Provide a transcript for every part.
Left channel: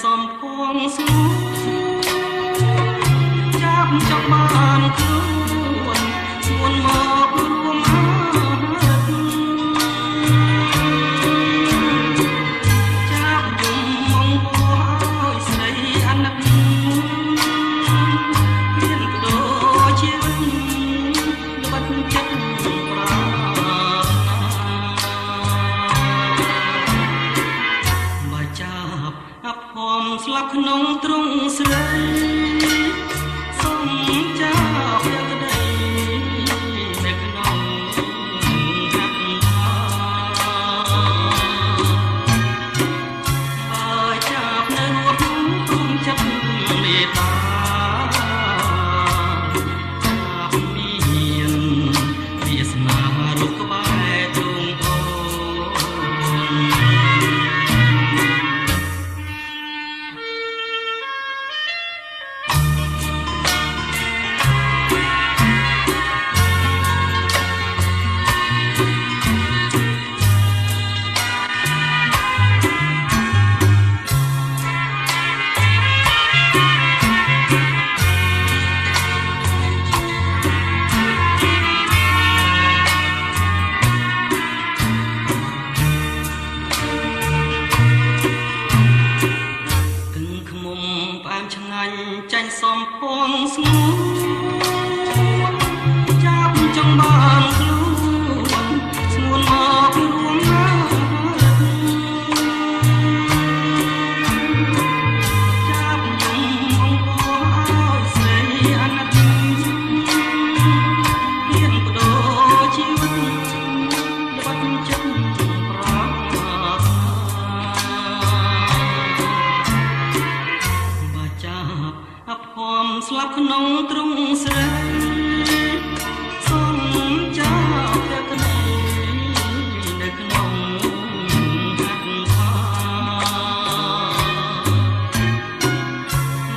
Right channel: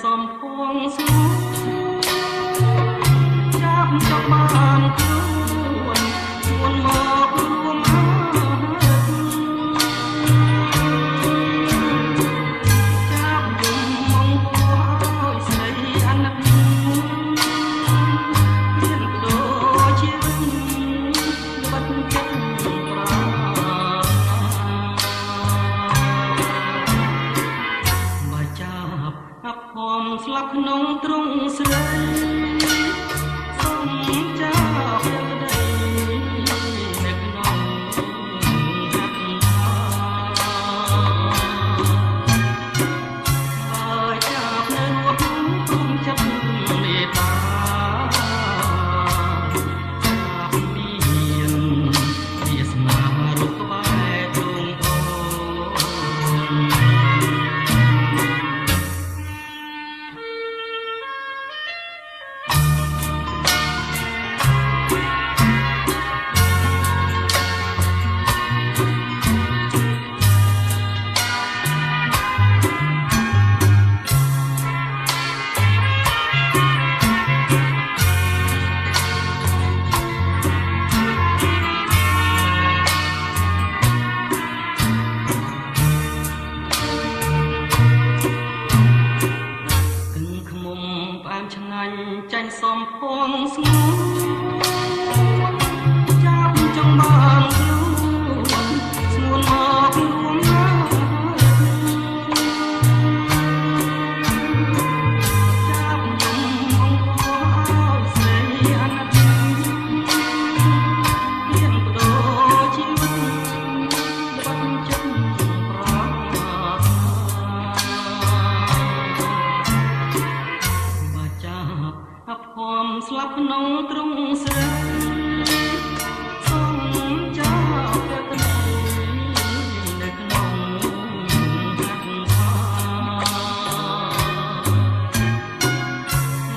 សំភងស្ងួនចាប់ចង់បានខ្លួនស្ងួនមករួមអើចាប់យំមកឲ្យស្រីអាណិតមានបដូរជាបាត់ចិត្តប្រាបើចាប់អាប់ហមស្លាប់ក្នុងទ្រង់ស្រីសូមចាប់ក្តីនៅក្នុងហាត់បើចាប់នៅរស់គុំចិត្តមេត្តាចាប់មានវាសនារូបក្បែរទ្រង់អូឆ្ងាញ់ចាញ់សំភងស្ងួនចាប់ចង់បានខ្លួនស្ងួនមករួមណាចាប់យំអង្គឲ្យស្រីអាណិតមានបដូរជីវិតបាត់ចិត្តប្រាអភ័មស្លាប់ក្នុងទ្រង់ស្រីសូមចាប់ព្រះក្តីនៅក្នុងហាត់ថា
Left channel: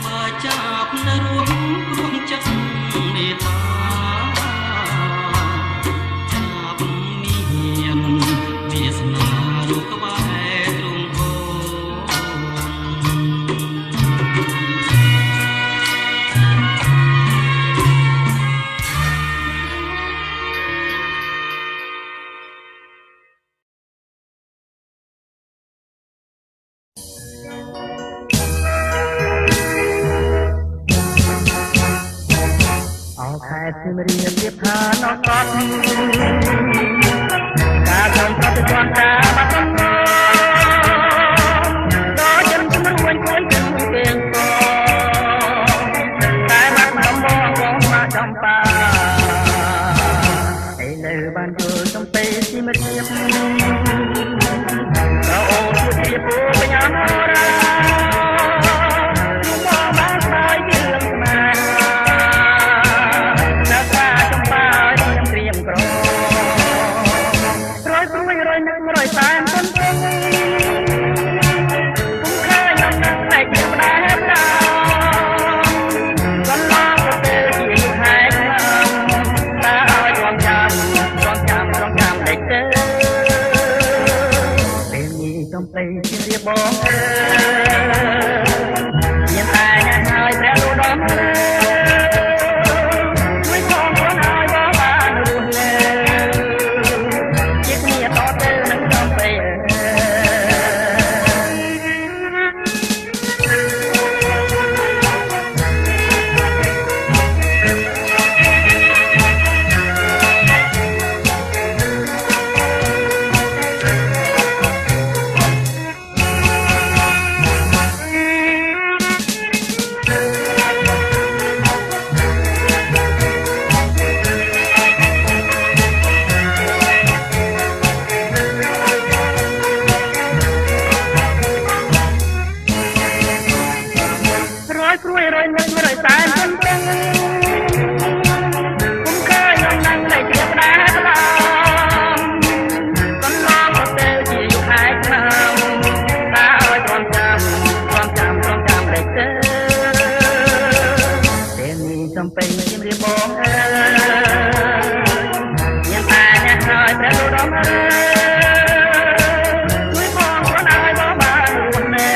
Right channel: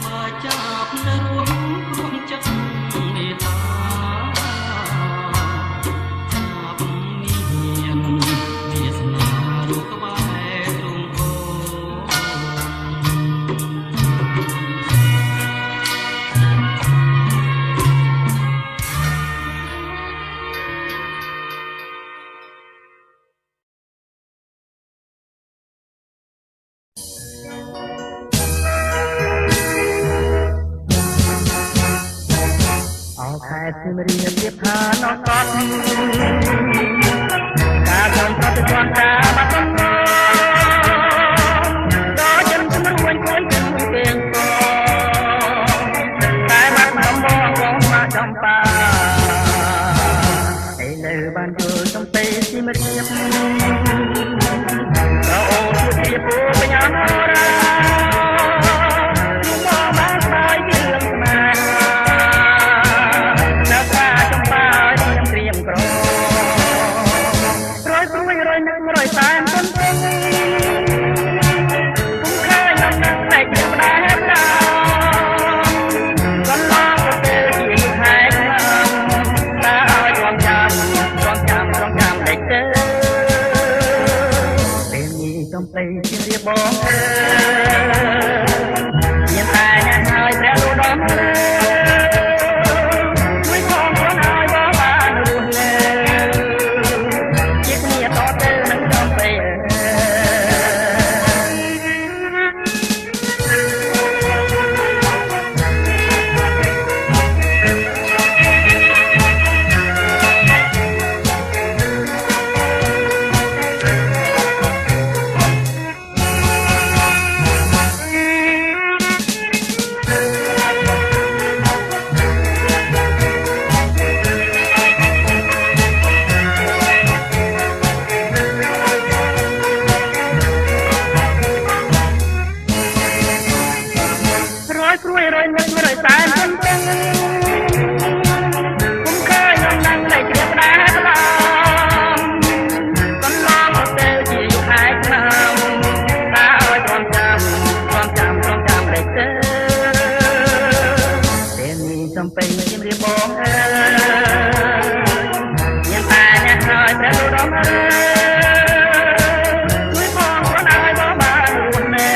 បើចាប់នៅរួមរួមចិត្តមេត្តាចាប់មានវាសនារូបក្បែរទ្រង់អូខែសៀមរាបទៀតថាណោះកត់ការចំប្រតិបត្តិការបាត់ដំណងដល់ចិនជំនួយជួយជំនួយទាំងកតែបាត់ដំបងបងមកចំបាឥឡូវបានយល់សំពេសៀមរាបក៏អូនជាពូបញ្ញារាបងមានតែញ៉ាំហើយព្រះលោកដំជួយផងខ្លួនឲ្យបងបានរស់នៅជាគ្នាតទៅនឹងកំពេចំពេញជំរាបបងអើយញ៉ាំតែញ៉ាំហើយព្រះលោកដំអើយជួយបងខ្លួនឲ្យបងបានរស់នៅ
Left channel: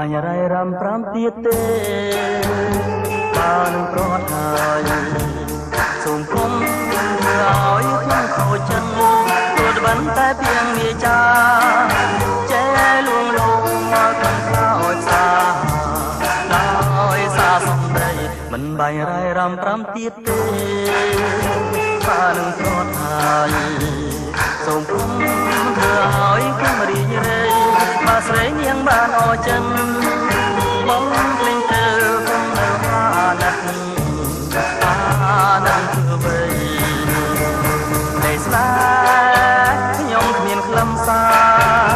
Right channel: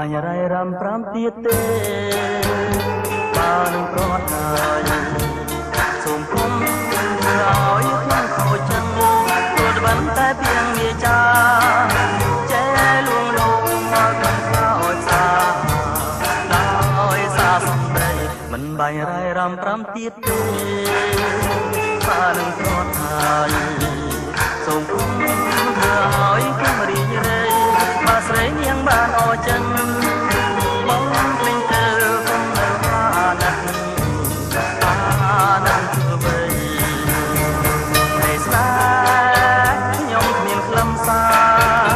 បាញ់រៃរំប្រាំទៀតទេបានប្រត់ហើយសូមគុំឲ្យខ្ញុំខូចចិត្តព្រោះបានតែពីងវាចាចែលួងលោមមកក្នុងខ្លោចសាដោយសារសំដីមិនបាញ់រៃរំប្រាំទៀតទេបានប្រត់ហើយសូមគុំធ្វើឲ្យខ្ញុំរីករាយមកស្រីនាងបានអរចិនបងភ្លេងទៅគុំនៅអាណិតធ្វើបីនៃស្នេហ៍ខ្ញុំគ្មានខ្លឹមសា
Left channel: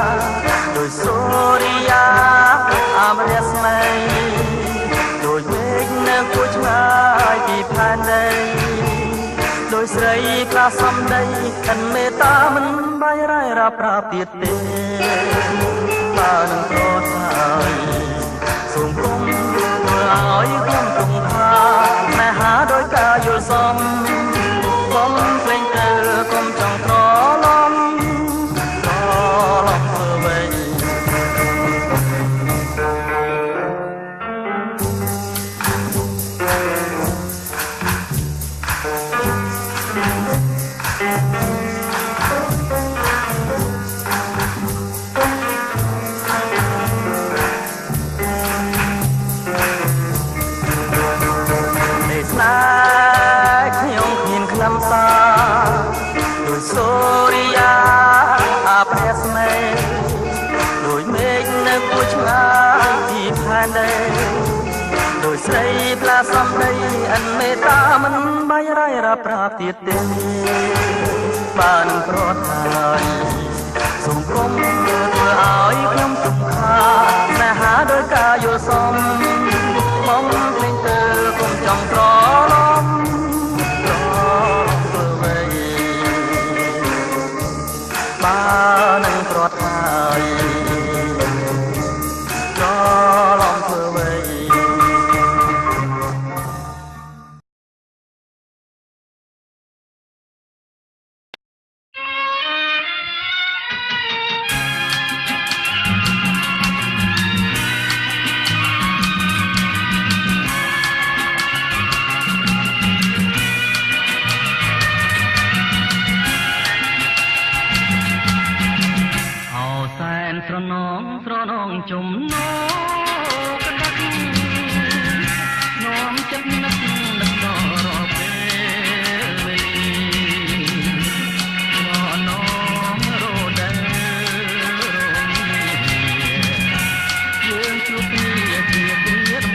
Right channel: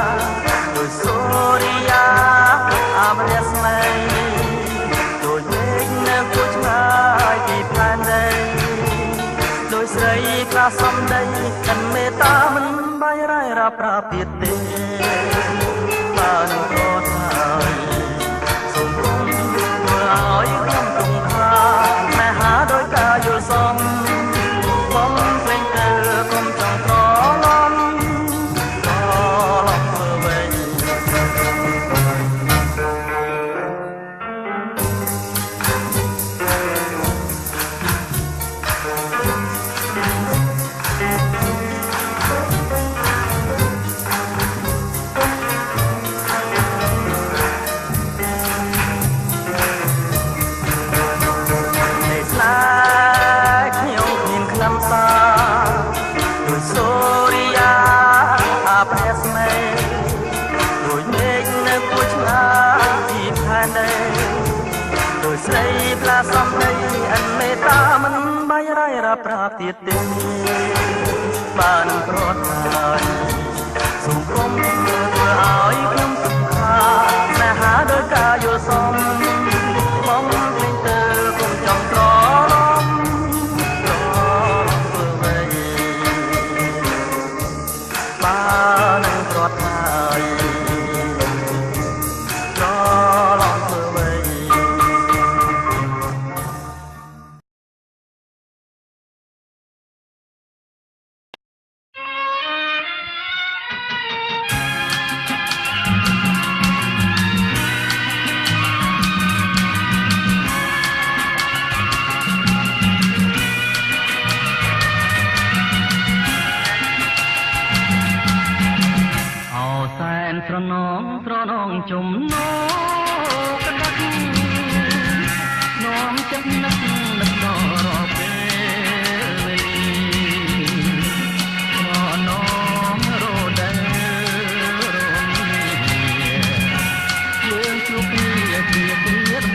រដោយសូរិយាអមរស្មីដោយមេឃនៅគួចឆ្ងាយពីផែនដីដោយស្រីខ្លះសំដីកិនមេត្តាមិនបាយរ៉ៃរ៉ាប្រាប់ទៀតទេបានប្រត់ហើយសូមគុំធ្វើឲ្យខ្ញុំគង់ថាណែហាដោយការយល់សមបងភ្លេងទៅគុំចង់ត្រឡំធ្វើវិញដោយសូរិយាអាព្រះស្មីដោយមេឃនៅគួចឆ្ងាយពីផែនដីដោយស្រីផ្លាសំដីអិនមេត្តាមិនបាយរ៉ៃរ៉ាប្រាប់ទៀតទេបានប្រត់ហើយសូមគុំធ្វើឲ្យខ្ញុំទុក្ខាស្នេហាដោយការយល់សមបងភ្លេងទៅគុំចង់ត្រឡំបានប្រត់ហើយត្រឡំធ្វើវិញស្រនងជំនោកណ្ដាស់នោមចិត្តនឹកដល់រាល់ពេលវេលាស្រនងរដូវរងាយើងជួបគ្នាជាដំបូង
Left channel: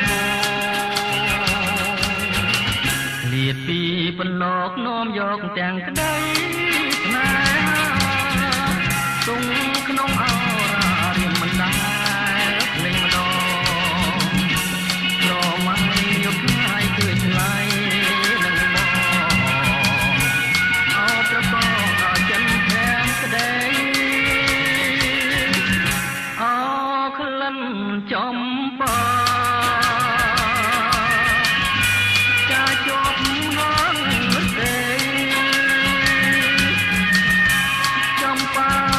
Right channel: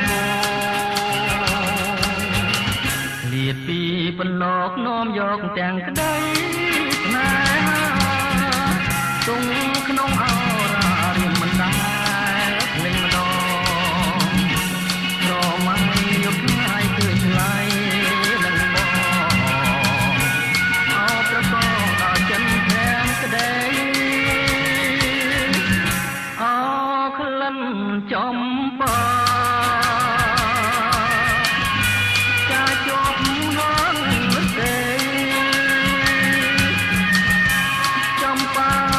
ឃ្លាតពីបន្លកនោមយកទាំងក្តីស្នេហាទងក្នុងអរមិនដែលភ្លេងម្ដងក្រមៃយកថ្ងៃឃើញថ្លៃនឹងបងអោប្រកបដល់ចិនខាងក្តីអោក្លិនចំបាចាជាប់ហងទេចំបា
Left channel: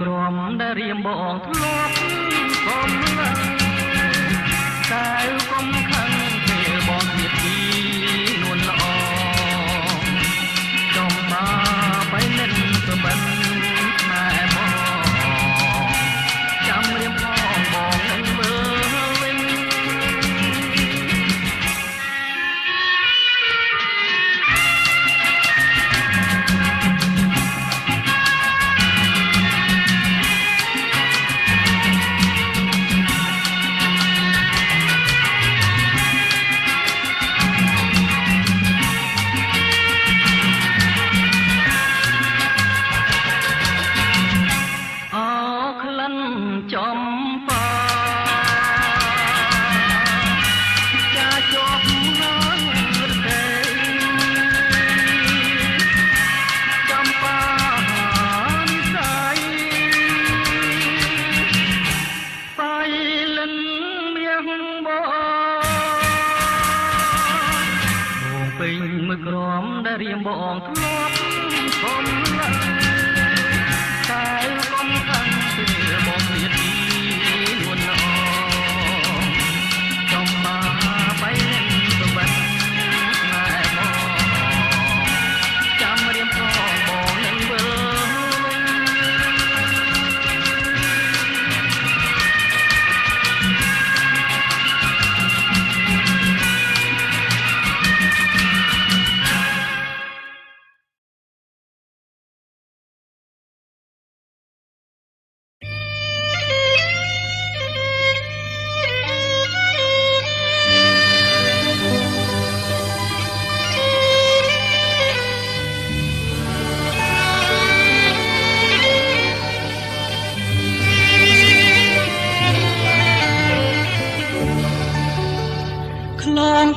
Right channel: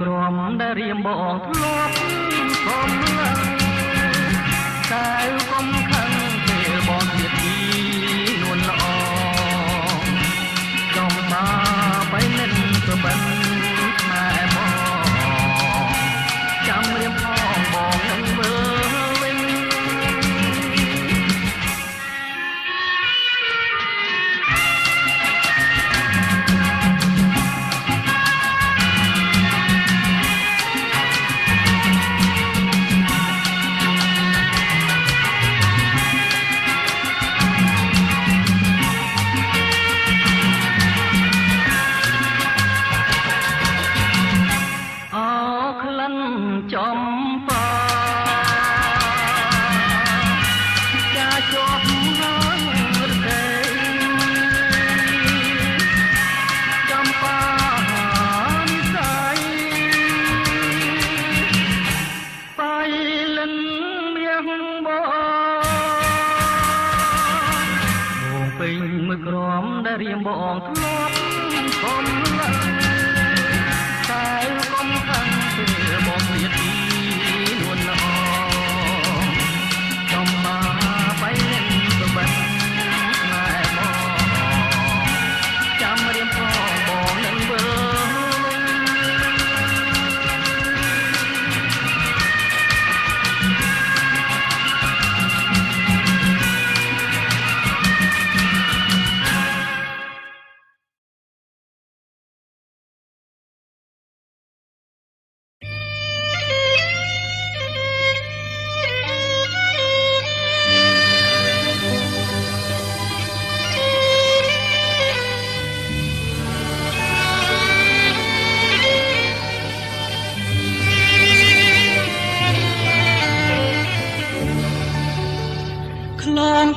ក្រមដែលរៀមបងធ្លាប់សំឡឹងតែកុំខឹងពេលបងទៀតទីនួនល្អចំបាបៃនិនក៏បិនម៉ែបងចាំរៀមផងបងនឹងមើលវិញ រៀងបងធ្លាប់ខំតែកុំខាំងពេលបងព្រាតពីនួនល្អចំបាបីលេងទៅបាត់ណែបងចាំរៀងបងនឹងមើល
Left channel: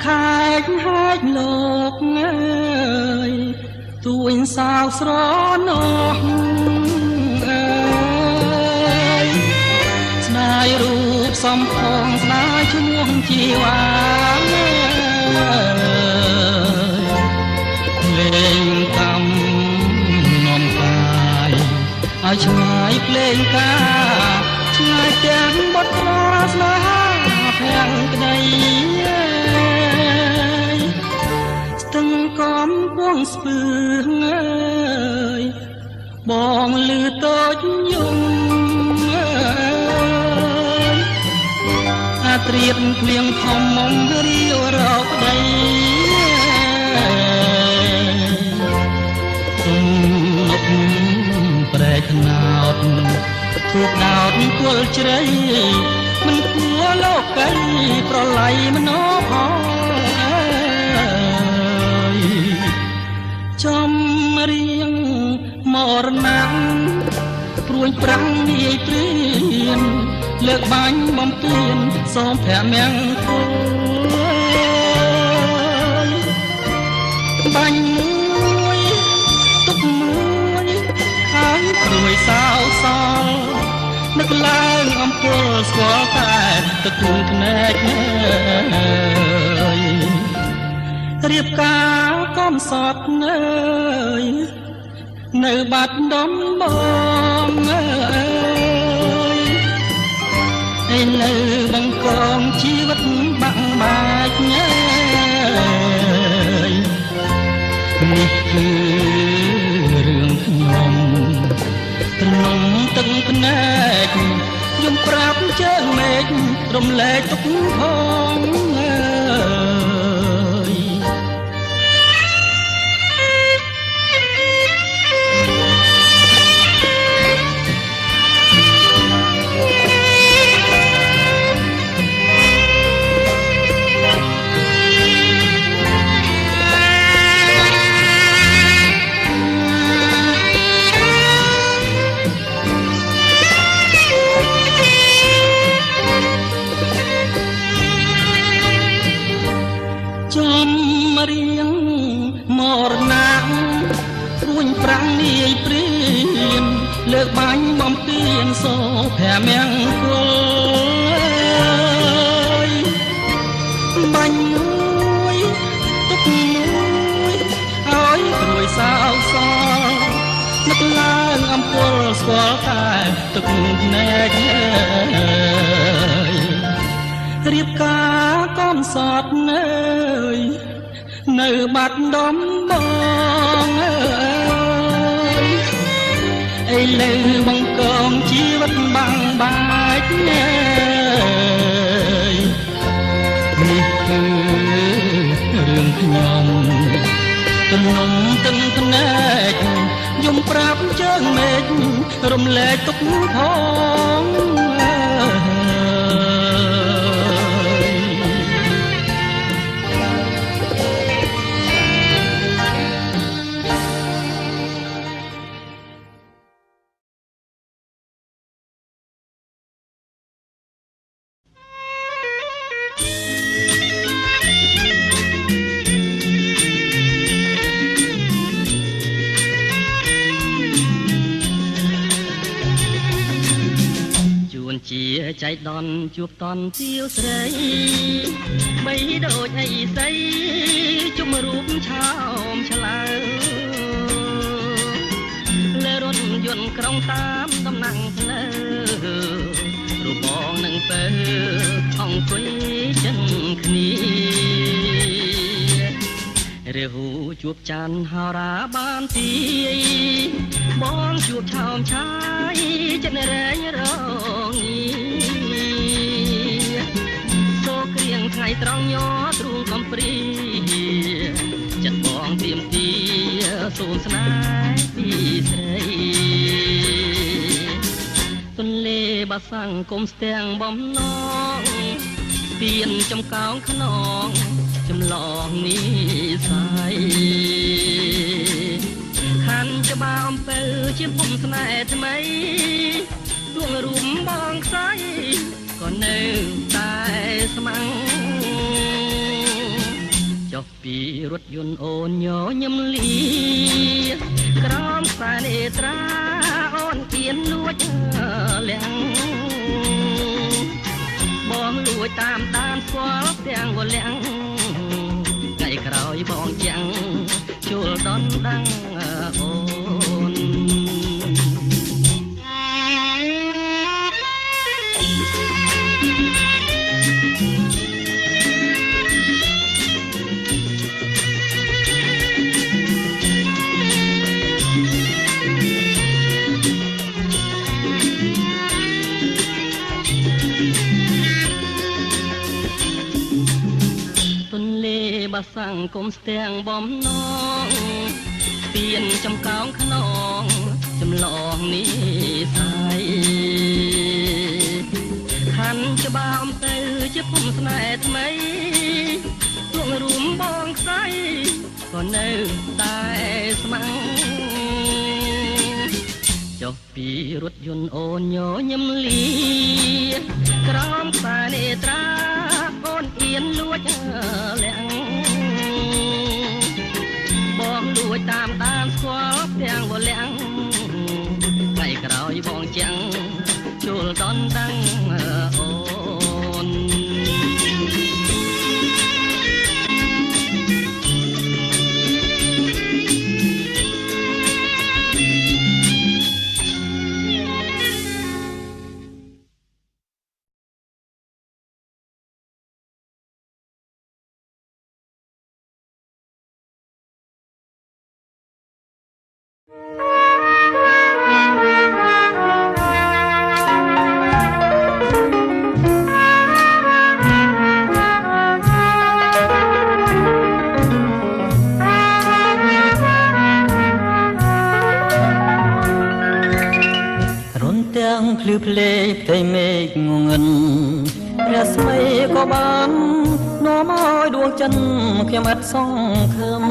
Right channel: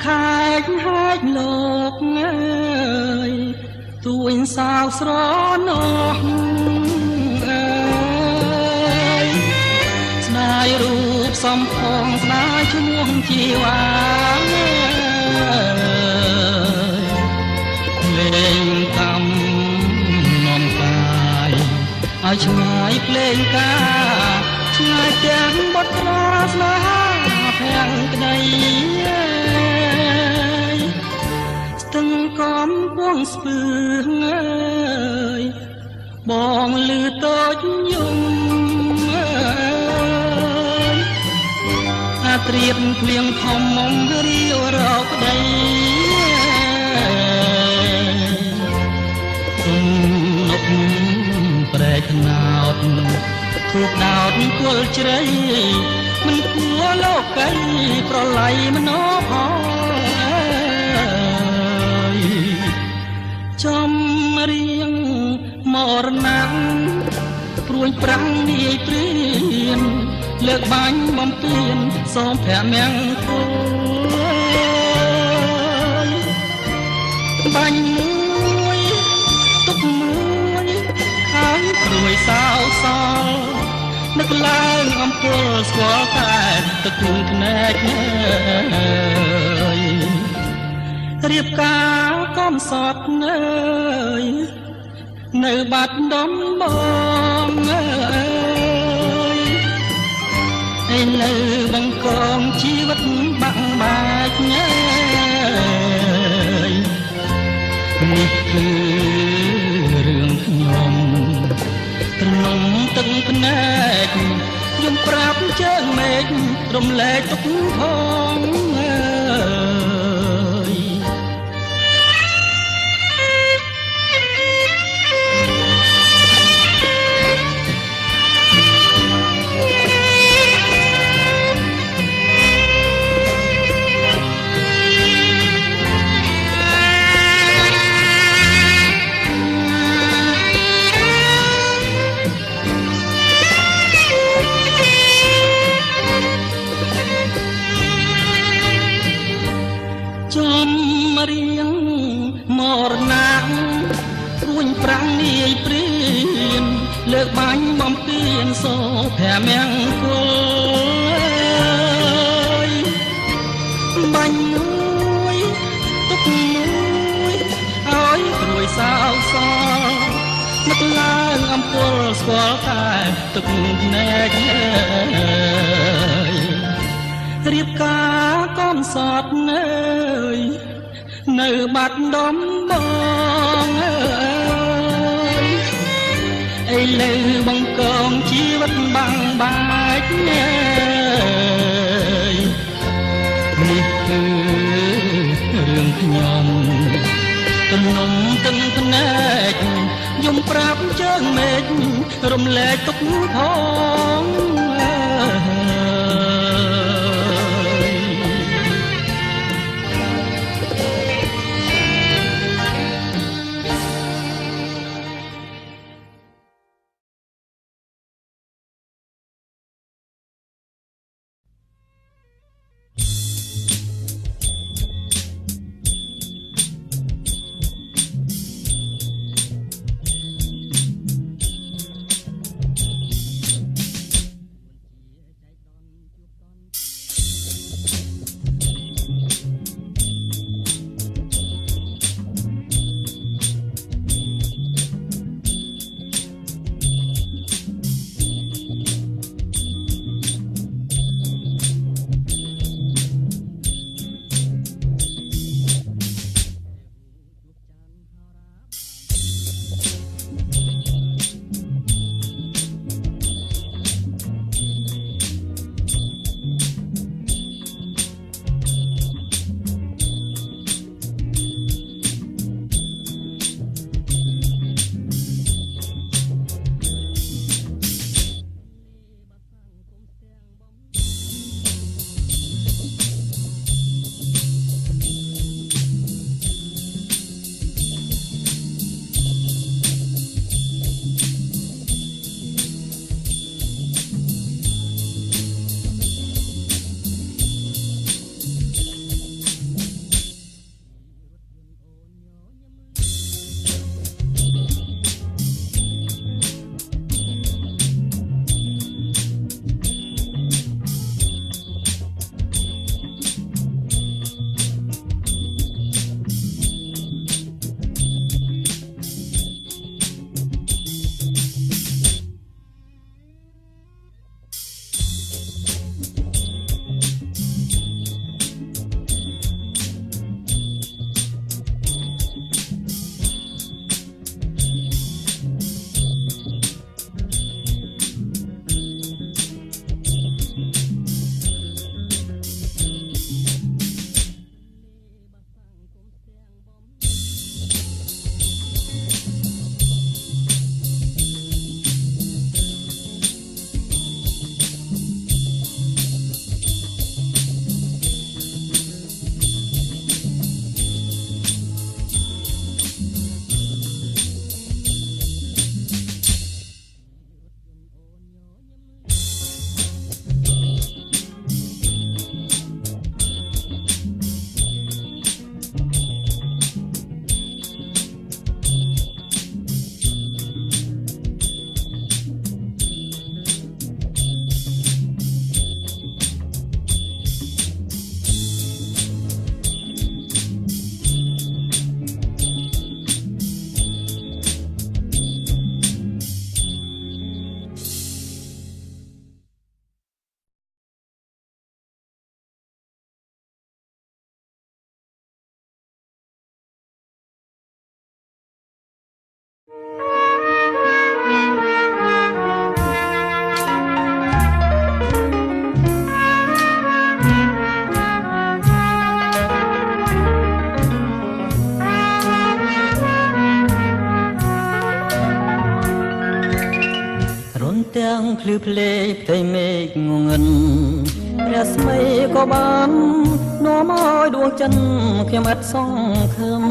ខែកហាច់លោកអើយទួញសៅស្រណោះអើយស្ដាយរូបសំផងស្ដាយឈ្មោះជីវ៉ាលេងកំនំកាយឲ្យឆ្ងាយភ្លេងកាឆ្ងាយទាំងបត់ក្រាស្នេហាភាំងក្ដីទាំងកំពុងស្ពឺងើយបងលឺតូចយំអើយអាត្រៀតភ្លៀងធំមុំរាវរកប្ដីទុំនប់ប្រែខ្នោតធូបដោតគល់ជ្រៃមិនគួរលោកីប្រឡ័យមនោផងចំរៀងមរណាំព្រួយប្រាំងនាយព្រៀនលើកបាញ់បំពេញសូមព្រះមង្គលបាញ់មួយទុកមួយហើយព្រួយសោសល់នឹកឡើងអំពើស្គាល់តែទឹកគូនភ្នែករៀបការកំសត់អើយនៅបាត់ដំបងអើយឯនៅបង្កងជីវិតបាក់បាច់អើយនេះគឺរឿងខ្ញុំត្រនំទឹកភ្នែកខ្ញុំប្រាប់ជើងមេឃរំលែកទុកផងអើយរៀងមរណាំព្រួញប្រាំងនាយព្រៀនលើកបាញ់បំពេញសូព្រះមង្គលបាញ់មួយទុកមួយឲ្យព្រួយសោកសល់នឹកឡើងអំពើស្គាល់តែទឹកភ្នែករៀបការកំសត់អើយនៅបាត់ដំបងអើយឥឡូវបង្កងជីវិតបាំងបាច់អើយនេះគឺរឿងខ្ញុំទំនំទឹកភ្នែកយំប្រាប់ជើងមេឃរំលែកទុកផងចៃដន្យជួបតន់ទាវស្រីបីដូចអីស្អីជុំរូបឆោមឆ្លើ ក្រុងតាមដំណាំងភ្លើរូបបងនឹងទៅអង្គុយចិនគ្នារាហូជួបច័ន្ទហោរាបានទីបងជួបឆោមឆាយចិត្តរែងរងសូក្រៀងថ្ងៃត្រង់ញ័រទ្រូងកំព្រីចិត្តបងទៀមទីសូមស្នេហ៍ពីស្រីទន្លេបាសាំងគុំស្ទាំងបំណងទៀនចំកោងខ្នងចម្លងនេះសាយខាន់ជាបាអំពើជាពុំស្នេហ៍ថ្មីដួងរូបបងខ្សែក៏នៅតែស្មាំងចុះពីរថយន្តអូនញញឹមលីក្រោមខ្សែនេត្រាអូនគៀនលួចលៀងបងលួចតាមដានស្គាល់ទាំងវលៀងថ្ងៃក្រោយបងចាំងជួលដនដាំងអូនបាសាំងគុំស្ទាំងបំណងទៀនចំកោងខ្នងចម្លងនេះសាយខាន់ច្បាមទៅជាពុំស្នេហ៍ថ្មីដួងរួមបងខ្សែក៏នៅតែស្មាំងចុះពីរថយន្តអូនញញឹមលីក្រោមខ្សែនេត្រាអូនអៀនលួចលៀងបងលួចតាមដានស្គាល់ទាំងវលៀងថ្ងៃក្រោយបងចាំងជួលដនដាំងអូនទាំងភ្លឺភ្លេផ្ទៃមេឃងងឹនព្រះស្មីក៏បាននាំឲ្យដួងចិនខ្ញុំឥតសង្ឃឹម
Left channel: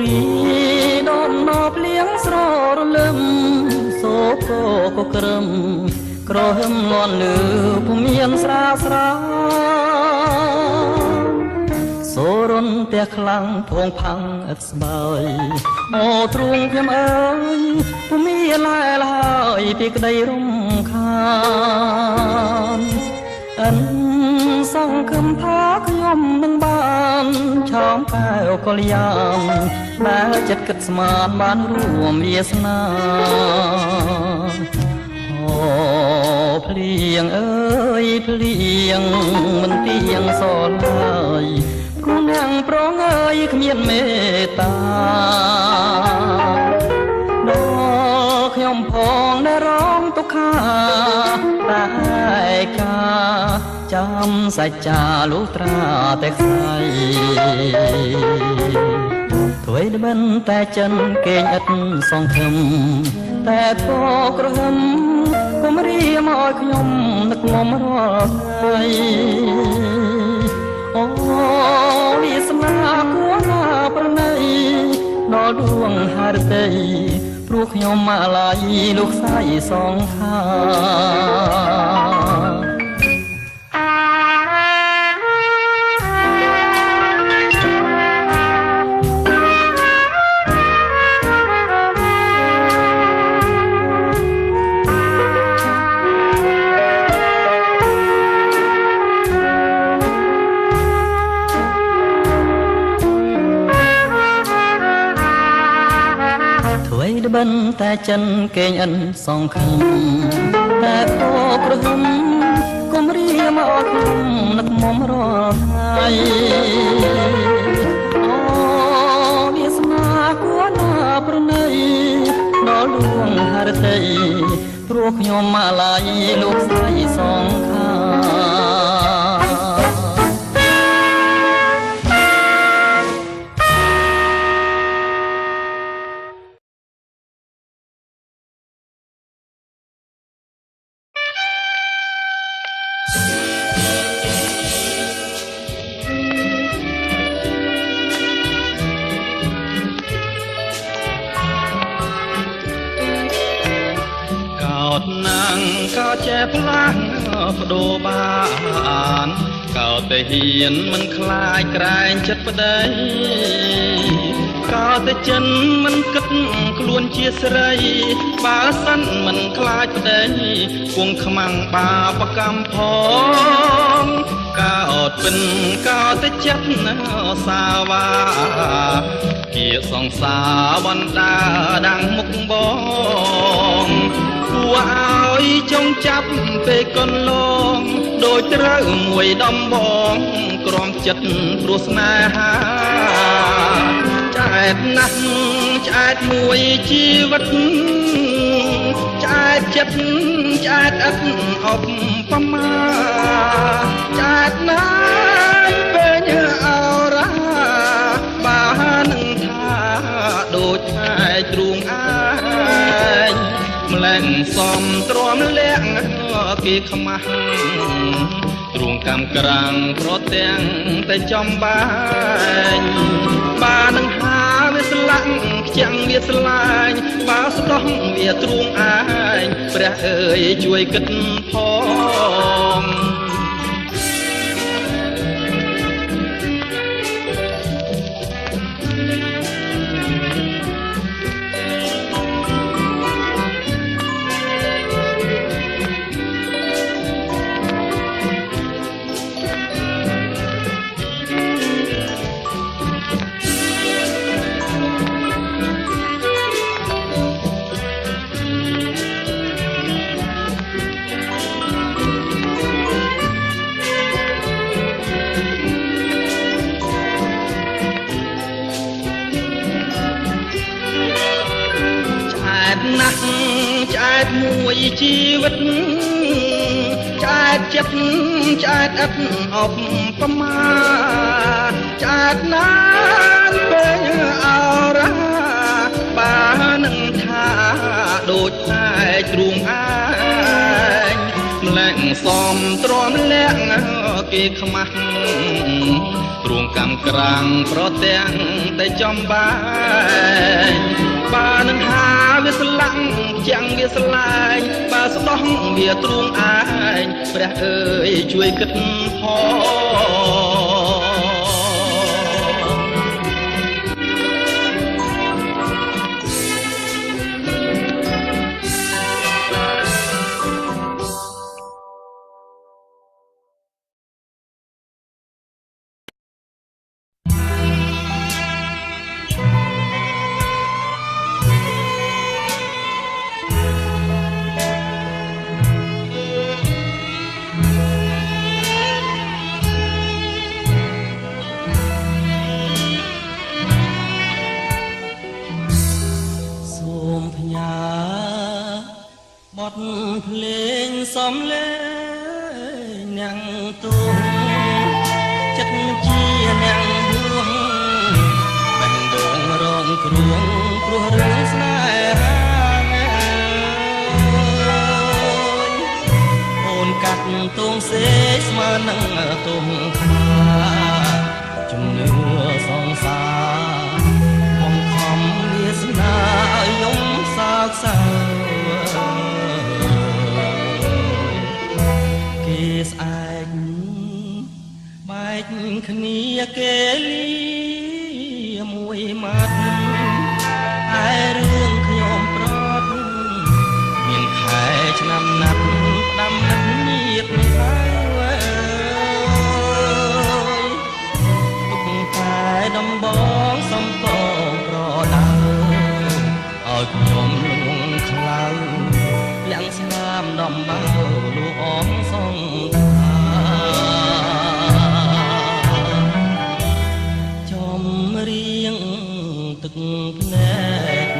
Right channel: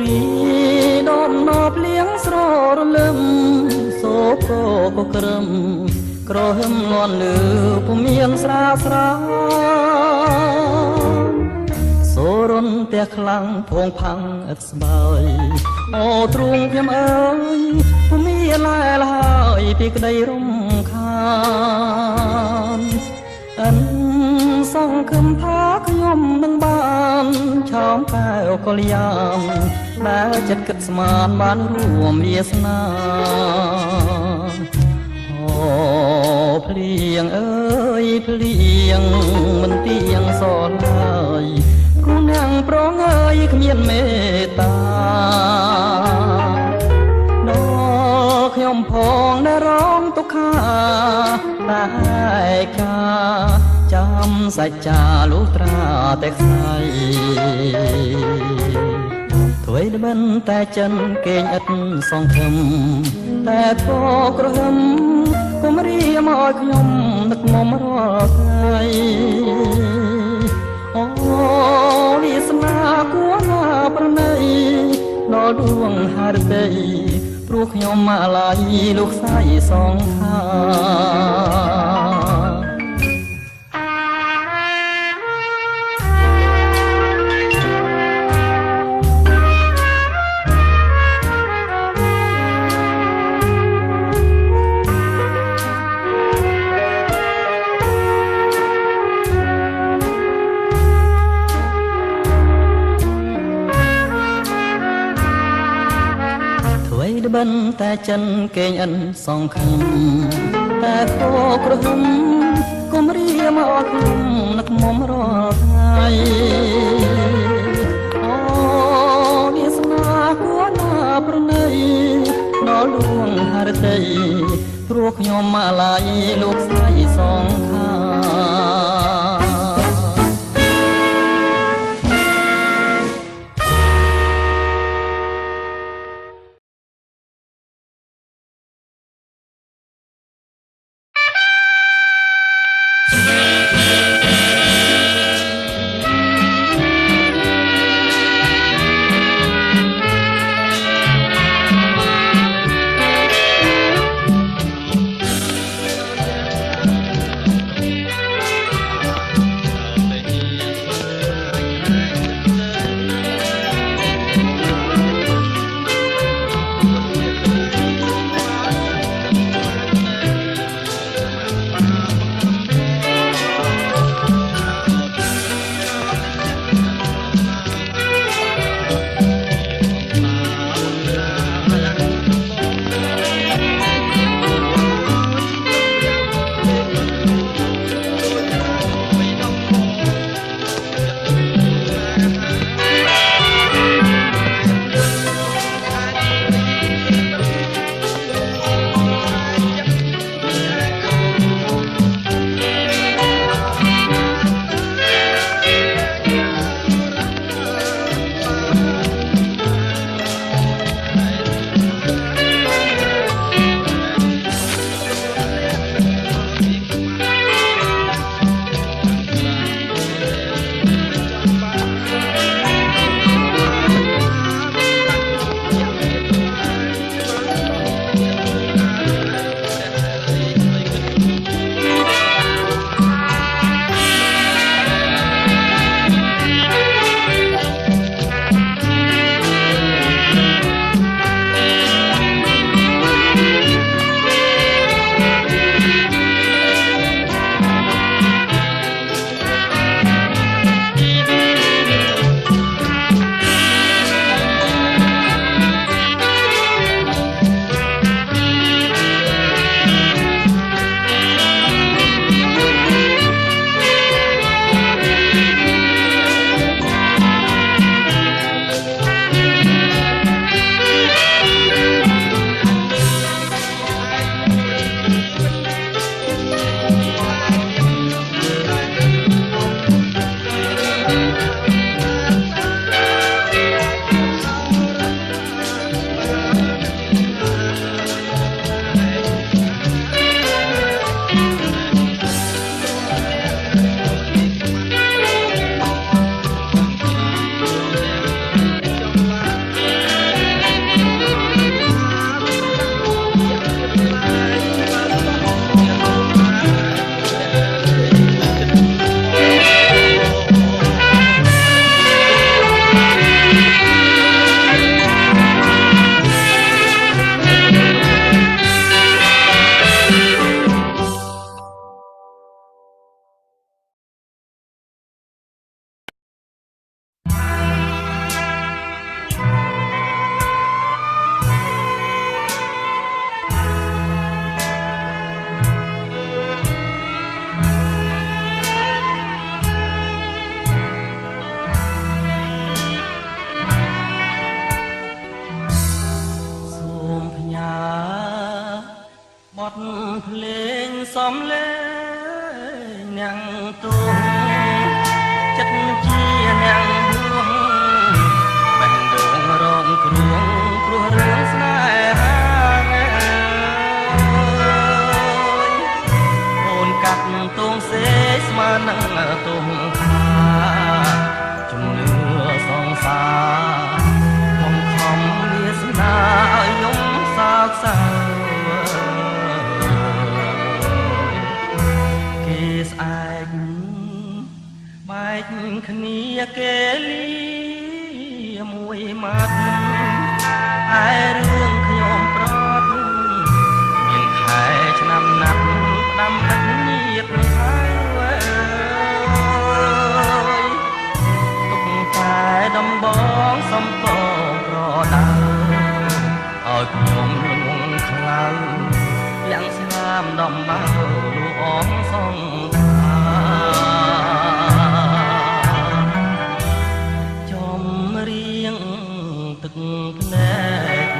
រីដំណោភ្លៀងស្ររលឹមសូកក៏ក្រឹមក្រហឹមលន់លឺពុំមានស្រាស្រាសូរុនផ្ទះខ្លាំងធងផាំងឥតស្បើយអូទ្រូងខ្ញុំអើយពុំមានឡែលហើយពីក្តីរំខានអិនសង្ឃឹមថាខ្ញុំនឹងបានឆោមកែវកល្យានដែលចិត្តគិតស្មានបានរួមវាសនាអូភ្លៀងអើយភ្លៀងមិនទៀងសល់ឡើយគូនាងប្រងើយគ្មានមេត្តាដល់ខ្ញុំផងដែលរងទុក្ខាតែកាចាំសច្ចាលុះត្រាតែខ្សែទ្វេដមិនតែចិនគេងឥតសង្ឃឹមតែធោក្រហមគុំរៀមឲ្យខ្ញុំនឹកមុំរាល់ថ្ងៃអូវាសនាគួរណាប្រណីដល់ដួងហឫទ័យព្រោះខ្ញុំអាឡ័យលោកស្រីសងខា វ បីដបិនតែចិនកេងអិនសងខំតែខោក្រហមគុំរៀមកអត់ខ្ញុំនឹកមុំរាល់ថ្ងៃអូវាស្នាគួរណាប្រណីដល់ដួងហរតីព្រោះខ្ញុំមកឡាយលោកស្រីសងខាភ្លេងសំលេងអ្នកទូចិត្តជាអ្នកហួងបេះដូងរងគ្រោះព្រោះរឿងស្នេហាអូនកាត់ទងសេស្មើនឹងទងខាជំនឿសងសារបង្ខំវាសនាឲ្យខ្ញុំសោកសៅស្អែកបែកគ្នាគេលីមួយម៉ាត់ឯ ខ្ញុំលងខ្លៅលាំងស្នាមដំបៅលូអងសងខាចំរៀងទឹកភ្នែក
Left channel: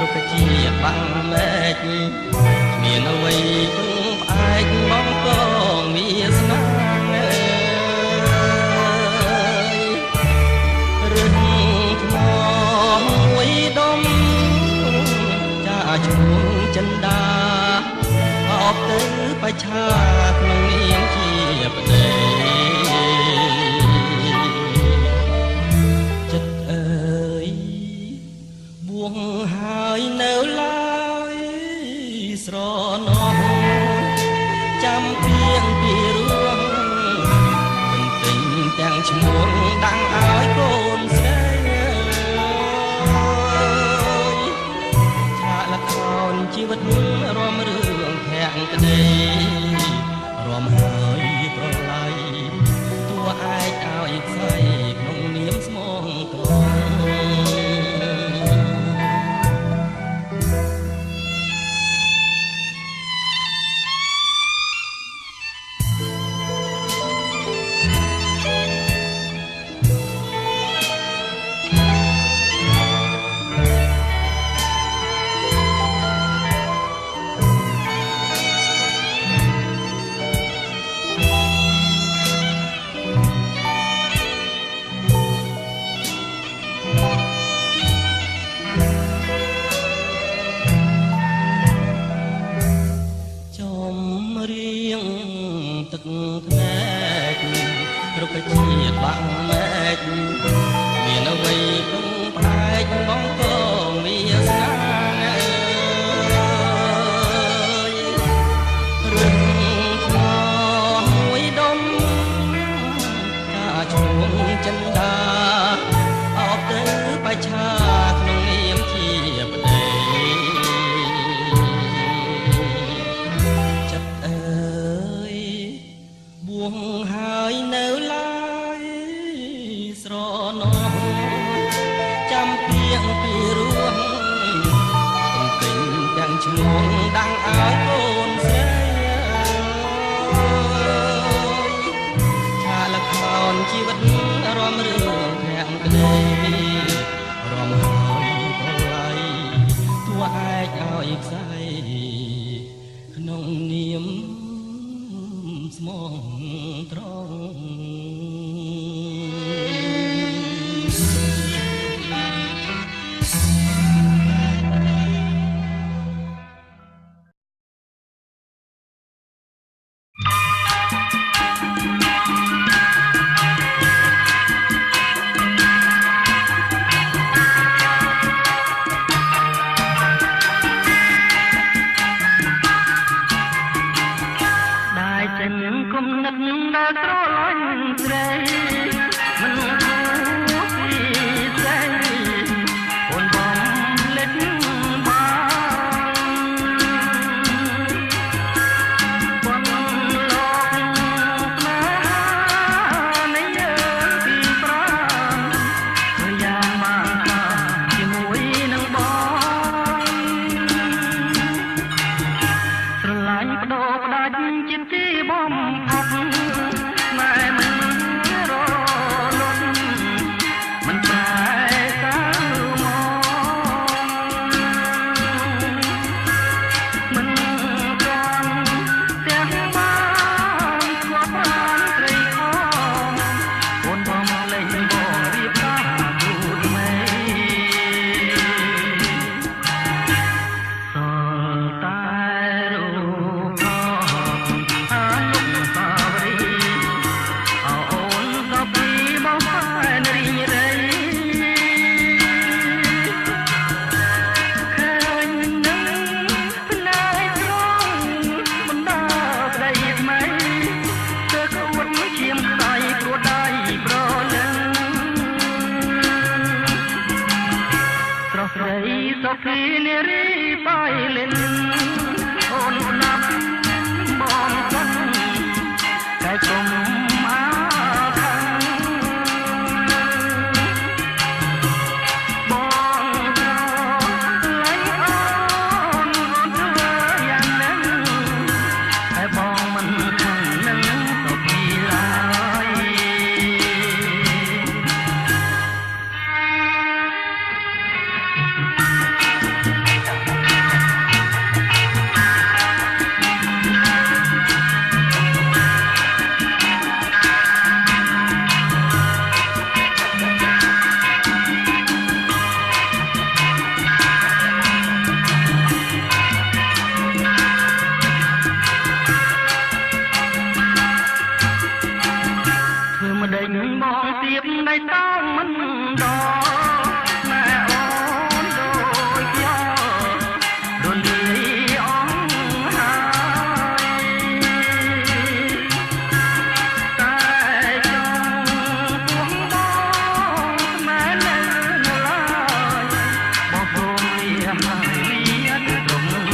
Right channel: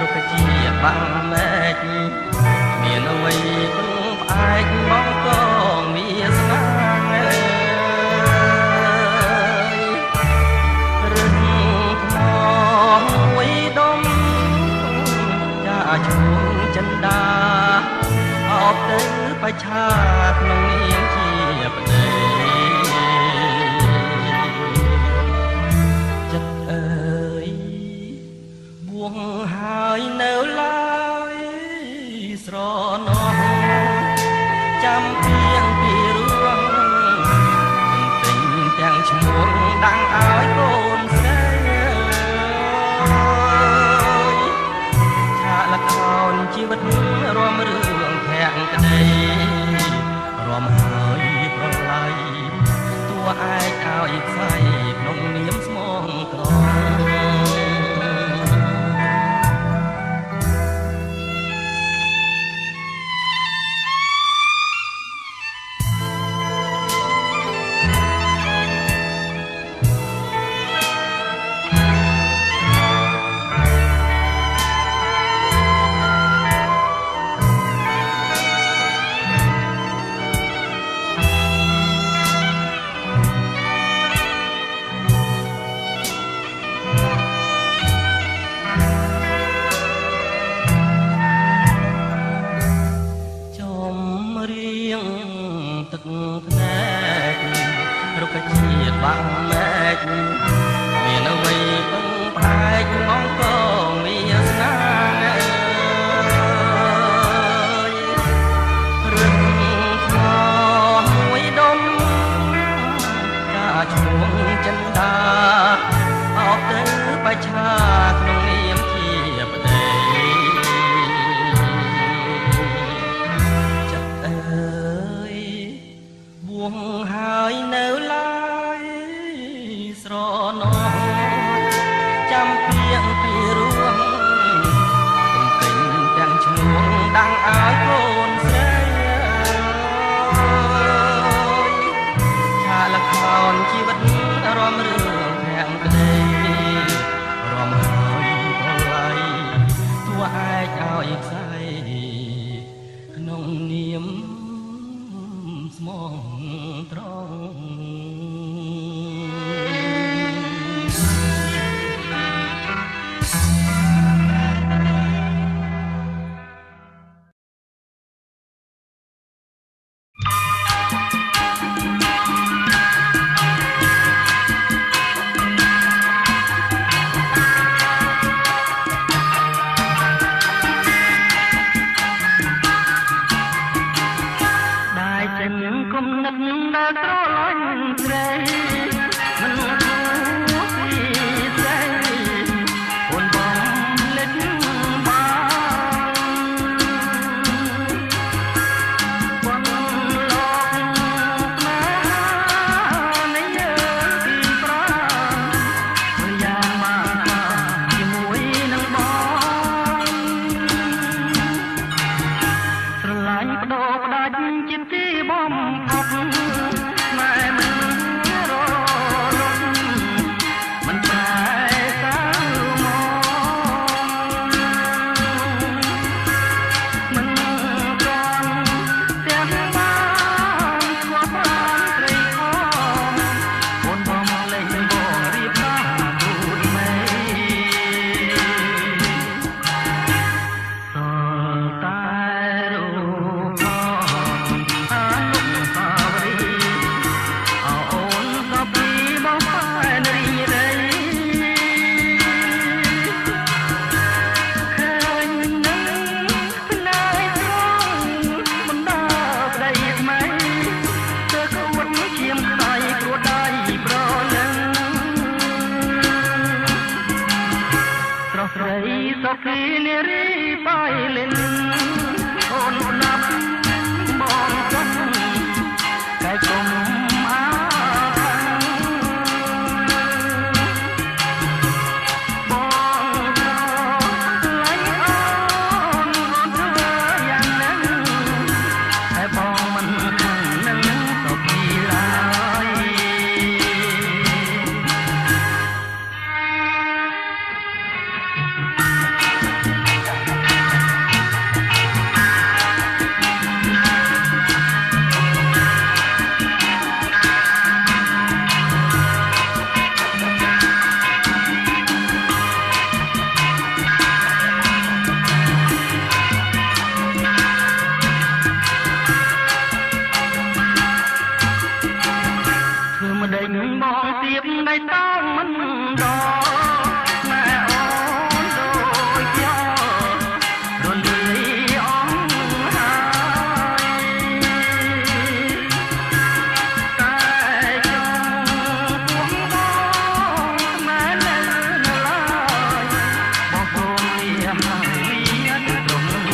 រុក្ខជាតិបាំងមែកគ្មានអ្វីពឹងផ្អែកមកកងវាសនារឹងថ្មមួយដុំចាឈ្មោះចិនដាអបទៅបច្ឆាក្នុងនាមជាប្តីចិត្តអើយបួងហើយនៅឡើយស្រណោះចាំពីងពីរឿងទិញទាំងឈ្មោះដាំងឲ្យកូនស្រីឆាកល្ខោនជីវិតរំរឿងធាក់ក្តីរំហើយប្រឡ័យតួឯកឲ្យផ្សៃក្នុងនាមស្មងត្រង់ទឹកភ្នែករុក្ខជាតិបាំងមែកមានអ្វីពឹងផ្អែកមកកងវាសនារឹងថ្មមួយដុំចាឈ្មោះចិនដាអបទៅបច្ឆាក្នុងនាមជាប្តីហើយនៅឡើយស្រណោះចាំពីងពីរឿងទិញទាំងឈ្មោះដាំងឲ្យកូនស្រីឆាកល្ខោនជីវិតរំរឿងធាក់ក្តីរំហើយប្រឡ័យតួឯកឲ្យផ្សៃក្នុងនាមស្មងត្រង់គុំនឹកដល់ស្រលាញ់ស្រីមិនឈួរពីស្រីអូនបងលេចបានលោកស្នេហានៃយើងទីប្រាំប្រយ៉ាងបានជាមួយនឹងបងស្រឡាញ់បដូរផ្ដាច់ជាទីបំផុតម៉ែមិនរលត់មិនឆែកទៅមកមិនត្រង់ទាំងបានស្គាល់បានត្រីខំអូនបងលេងបងរៀបការទូតមេពីបងផែនរីរៃឃើញនឹងផ្នែកត្រង់បណ្ដាប្តីថ្មីទើបអួតឈាមខ្សែព្រោះដៃប្រលឹងស្រស់ស្រីសុភីនារីបាយលិនអូនស្ដាប់បងសិនកាយគុំអាខាងបងត្រឡៃអ ព្រម